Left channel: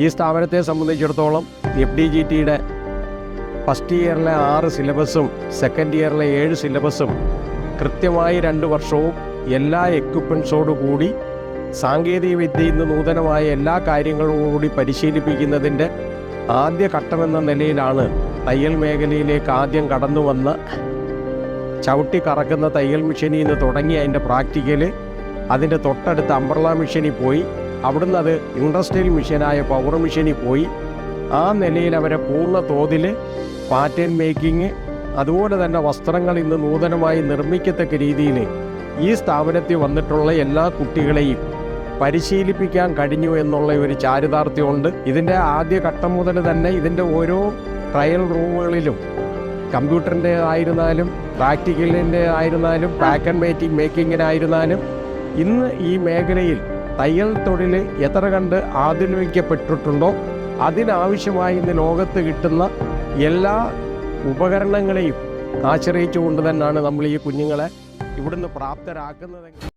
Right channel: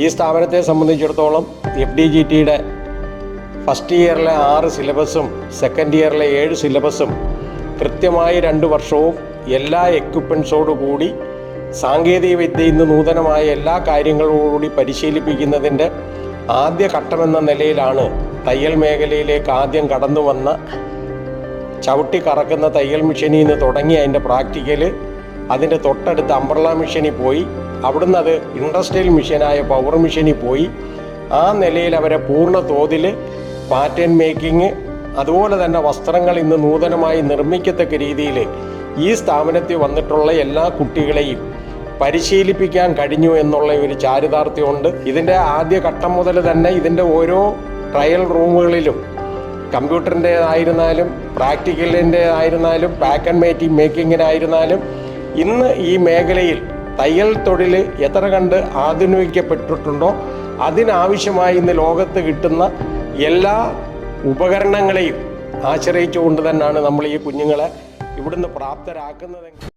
ഈ സ്ഥാപനത്തെ സംബന്ധിച്ചിടത്തോളം FDGTയുടെ ഫസ്റ്റ് ഇയറിലെ 6 സിലബസും സെക്കൻഡ് ഇയറിലെ 7 സിലബസും കൃത്യമായി 2 വർഷവും എല്ലാ എക്യുപ്മെൻറ്റ്സോടുകൂടി സാങ്കേതിക വിദ്യയിൽ നിന്ന് നൂതനമായ എല്ലാ കാര്യങ്ങളോടുകൂടി പരിശീലിപ്പിക്കുന്നതിൻ്റെ ആദ്യ ഘട്ടമെന്ന നിലയിലാണ് തയ്യൽ മേഖലയിലേക്ക് ആദ്യം കടന്നു വന്ന ചവിട്ടി കറക്കുന്ന തയ്യൽ മെഷീനിൽ നിന്ന് തുടങ്ങി അതിൻ്റെ പ്രാക്ടിക്കൽ അതിൻ്റെ തൊട്ടടുത്ത് അംബ്രല മെഷീനിൽ പോയി അവിടുന്ന് അത് ഇൻഡസ്ട്രിയൽ മെഷീനായ പവർ മെഷീനിൽ പോയി ആ നിലയിൽ അവരെ പൂർണ്ണ തോതിൽ പാറ്റേൺ മേക്കിങ് അതുപോലെ തന്നെ വസ്ത്രങ്ങൾ ഇന്ന് നൂതനമായി നിർമ്മിക്കത്തക്ക രീതിയിൽ ഈ സ്ഥാപനത്തിൽ വന്നിട്ടുള്ള എല്ലാ കുട്ടികളെയും പരിശീലിപ്പിക്കാൻ കഴിഞ്ഞു എന്നുള്ള ഒരു ചാരിതാർത്ഥ്യമുണ്ട്. ഇതിൻ്റെ ആദ്യ ഘട്ടം മുതൽ തന്നെ ഇതിൻ്റെ ഓരോ ട്രയൽ റൂമുകളിലും കമ്പ്യൂട്ടറിൻ്റെ ആയിരുന്നാലും പ്രാക്ടിക്കലിൻ്റെ ആയിരുന്നാലും പാക്ക് ആൻഡ് മേക്കിങ്ങിനായിരുന്നാലും ഇന്ന് ഈ മേഖലയിൽ തയ്യൽ തൊഴിൽ എത്ര കണ്ട് ആധുനികപ്പെട്ടിട്ടുണ്ടോ അതിനാവശ്യമായി ഇന്ന് ലോകത്ത് കിട്ടുന്ന എല്ലാ ഉപകരണങ്ങളെയും ആശ്രയിച്ചുകൊണ്ട് തന്നെയാണ് നമ്മൾ ഈ കുഞ്ഞുങ്ങളെ ഇവിടുന്ന് പ്രാപ്തരാക്കുന്നത്.